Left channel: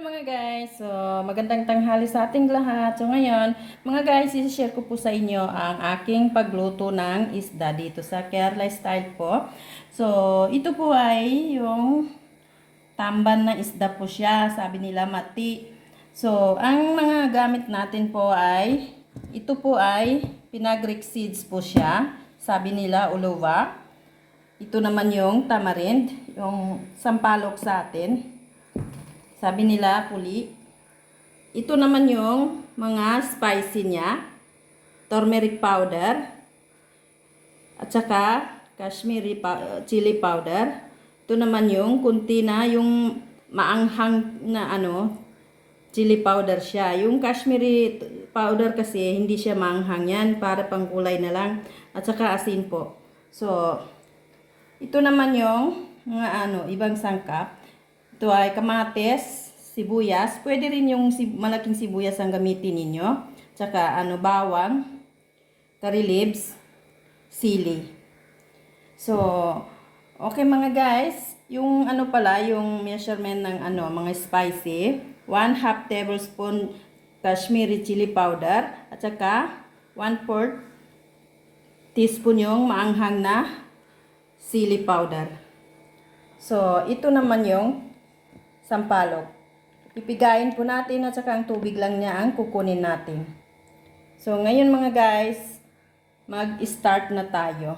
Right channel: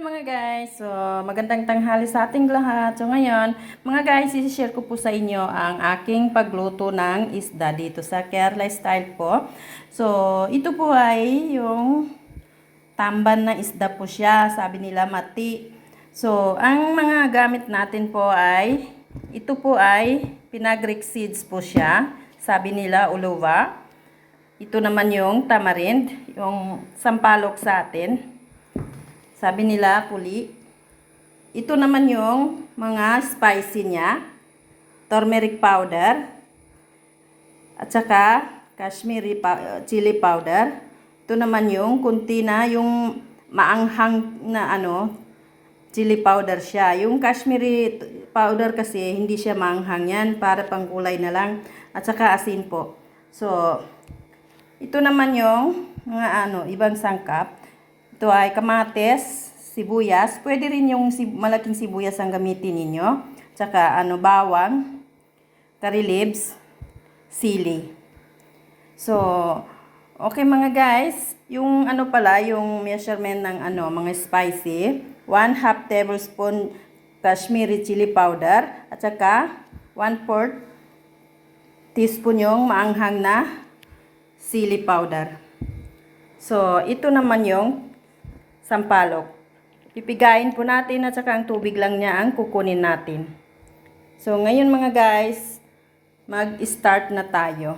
Mga guys, so magandang tanghali sa ating lahat. So ngayon, mga guys, i-share ko po sa inyo ang aking pagluto ng isda dito sa Kerala Style po. So ito po ay yung tamban na isda po siya, sabi nila mati. So ang mga gamit natin po ay, ito po ay pinagric seeds po siya, sabi nila uluwa. Ito naman yung tamarind, yung sampalok sa atin. Sabi nila, puli. Ito naman yung mga spicy niya. Turmeric powder. At saka, Kashmiri chili powder. Ito naman yung kunti na yung maanghang na chili powder siya. Yung Kashmiri powder kasi, hindi siya maanghang yan. Para pang kulay na lang. At saka asin po. So, ito naman yung mga ibang sangkap. Ito ay kamatis, sibuyas. Pwede rin yung malaking sibuyas ang gamitin ninyo. Tsaka bawang, curry leaves, sili. So, okay mga guys. Yung yung measurement ng mga spicy. 1/2 tablespoon Kashmiri chili powder. At saka 1/4 teaspoon yung maanghang na sili powder. So, ito naman yung sampalok. Pipigain po natin at saka ang tubig lang niya ang kukunin natin. So, ngayon mga guys, mag-start na tayo.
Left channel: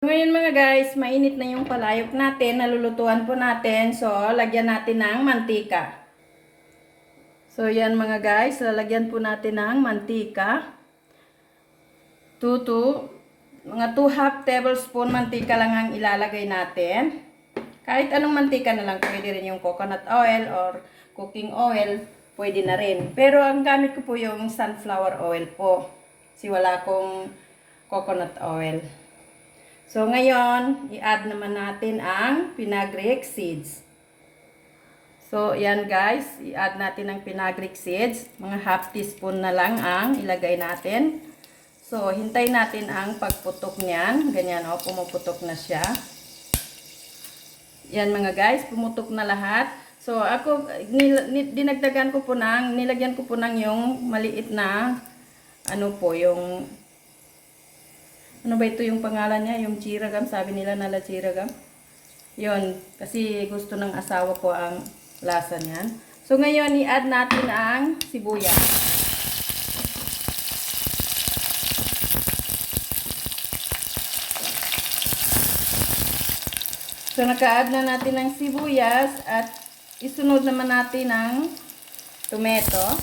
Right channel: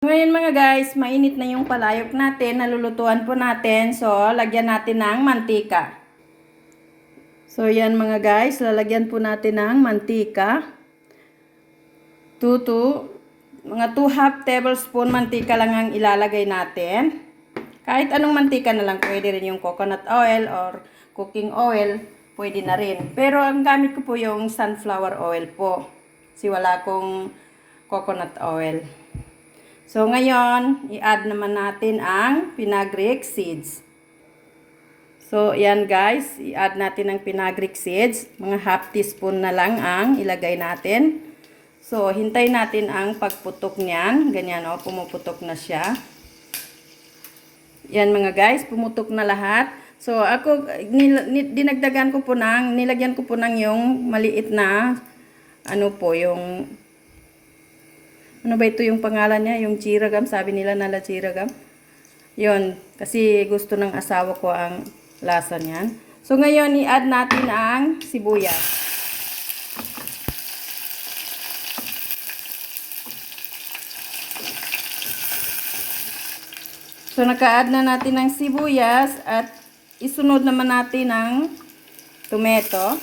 Ngayon mga guys, mainit na yung palayok natin. Nalulutuan po natin. So, lagyan natin ng mantika. So, yan mga guys, lalagyan po natin ng mantika. Mga 2/2 tablespoon mantika lang ang ilalagay natin. Kahit anong mantika na lang, pwede rin yung coconut oil or cooking oil, pwede na rin. Pero ang gamit ko po yung sunflower oil po. Kasi wala akong coconut oil. So ngayon, i-add naman natin ang pinagric seeds. So yan guys, i-add natin ang pinagric seeds. Mga 1/2 teaspoon na lang ang ilagay natin. So hintay natin ang pagputok niyan. Ganyan pumuputok na siya. Yan mga guys, pumutok na lahat. So ako, dinagdagan ko po nilagyan ko po ng yung maliit na, yung, ba ito yung pangalan niya? Yung chiragam, sabi nila nala chiragam. Yun, kasi gusto ng asawa ko ang lasa niyan. So ngayon, i-add natin ang sibuyas. So, naka-add na natin ang sibuyas at isunod naman natin ang tomato.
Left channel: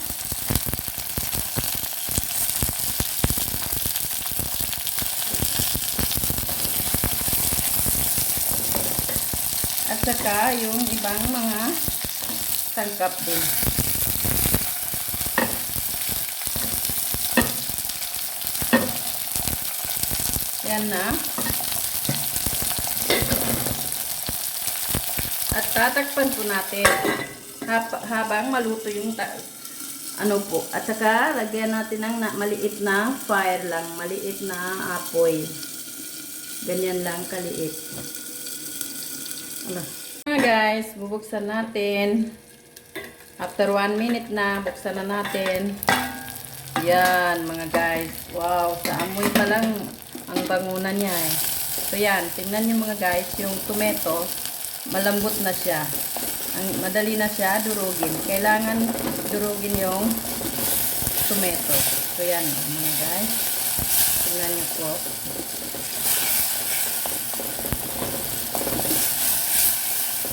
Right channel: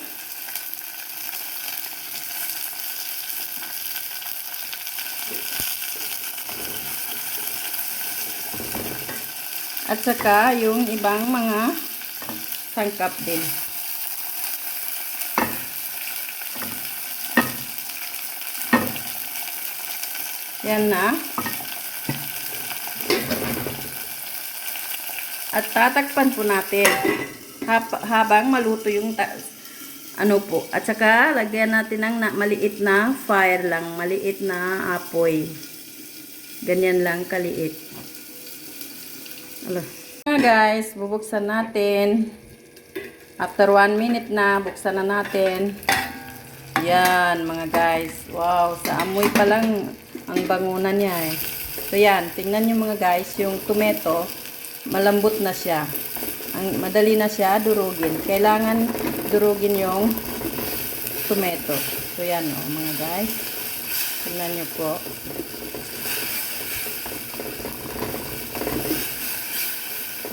At saka yung ibang mga sangkap din. Yan na. At tatakpan po natin habang maluto yung At saka lagyan natin ng maliit na fire lang, maliit na apoy. Ganyan lang kaliit. Mga guys, bubuksan natin. After 1 minute na, buksan na natin. Yan mga guys. Wow, sa amoy pa lang ang bangunan niya eh. So yan, tingnan niyo mga guys, yung tomato malambot na siya. Madali na siya durugin. Kailangan durugin yung tomato. So yan mga guys. Tingnan niyo po.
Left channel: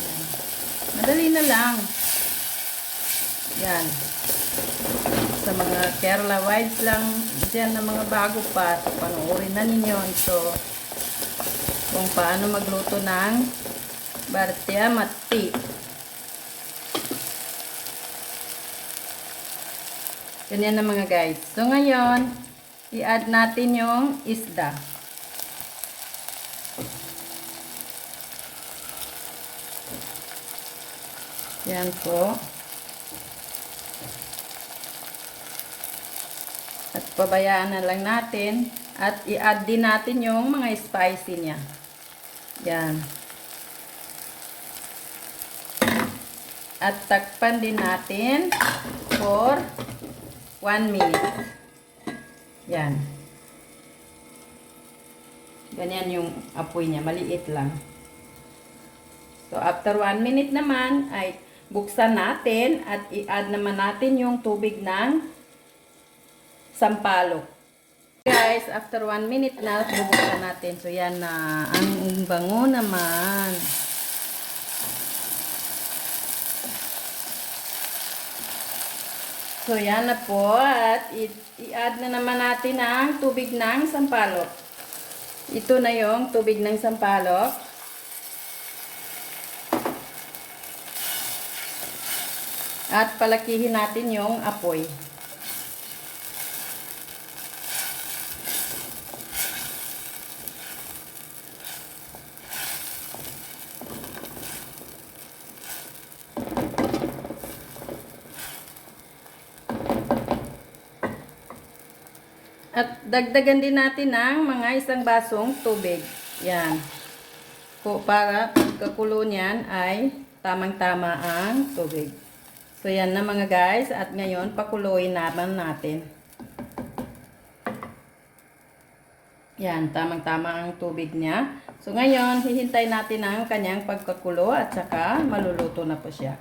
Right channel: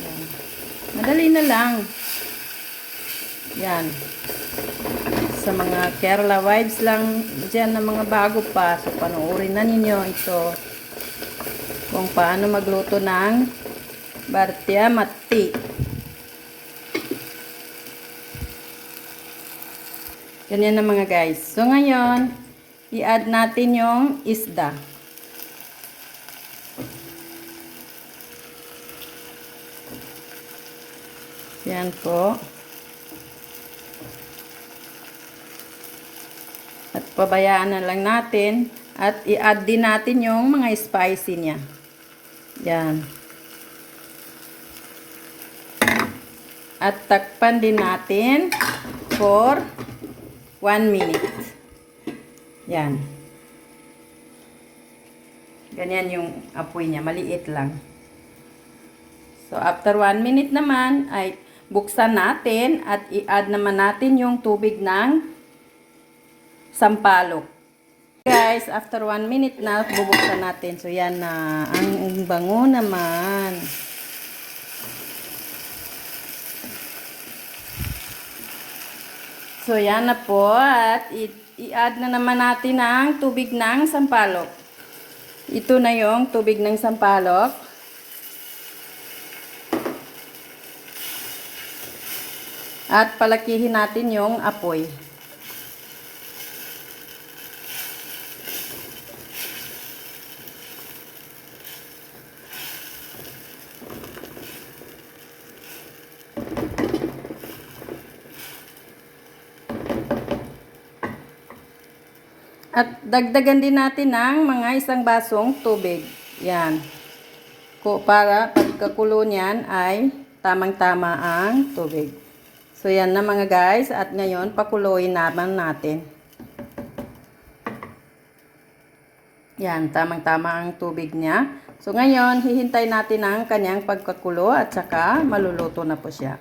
Yan. Madali na lang. Yan. Sa mga Kerala vibes lang dyan na mga bago pa. So panoorin na ninyo ito. Kung paano magluto ng Bhartiya mati. Ganyan na mga guys. So ngayon, i-add natin yung isda. Yan po. At pabayaan na lang natin. At i-add din natin yung mga spicy niya. Yan. At takpan din natin for 1 minute. Yan. Ganyan yung apoy niya. Maliit lang. So, after 1 minute naman, ay buksan natin at i-add naman natin yung tubig ng sampalok. Guys, after 1 minute na, bubuksan natin. So, yan na. Ang bango naman. So, yan na po. At i-add na naman natin ang tubig ng sampalok. Ito na yung tubig ng sampalok. At palakihin natin yung apoy. At dagdagan din natin ng mga 1 basong tubig. Yan. Para pagkakulo niyan ay tamang-tama ang tubig. So, yan na mga guys. At ngayon, pakuluin naman natin. Yan, tamang-tama ang tubig niya. So, ngayon, hihintay natin ang kanyang pagkakulo at saka maluluto na po siya.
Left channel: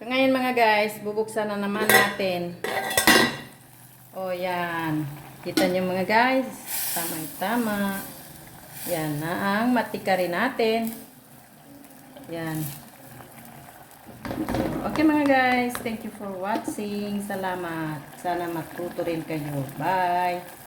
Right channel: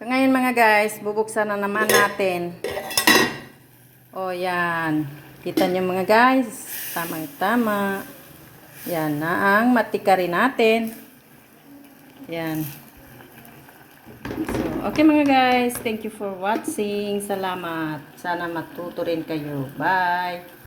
So, ngayon mga guys, bubuksan na naman natin. O, yan. Kita niyo mga guys. Tamang-tama. Yan na ang matika rin natin. Yan. So, okay mga guys. Thank you for watching. Salamat. Sana matuto rin kayo. Bye.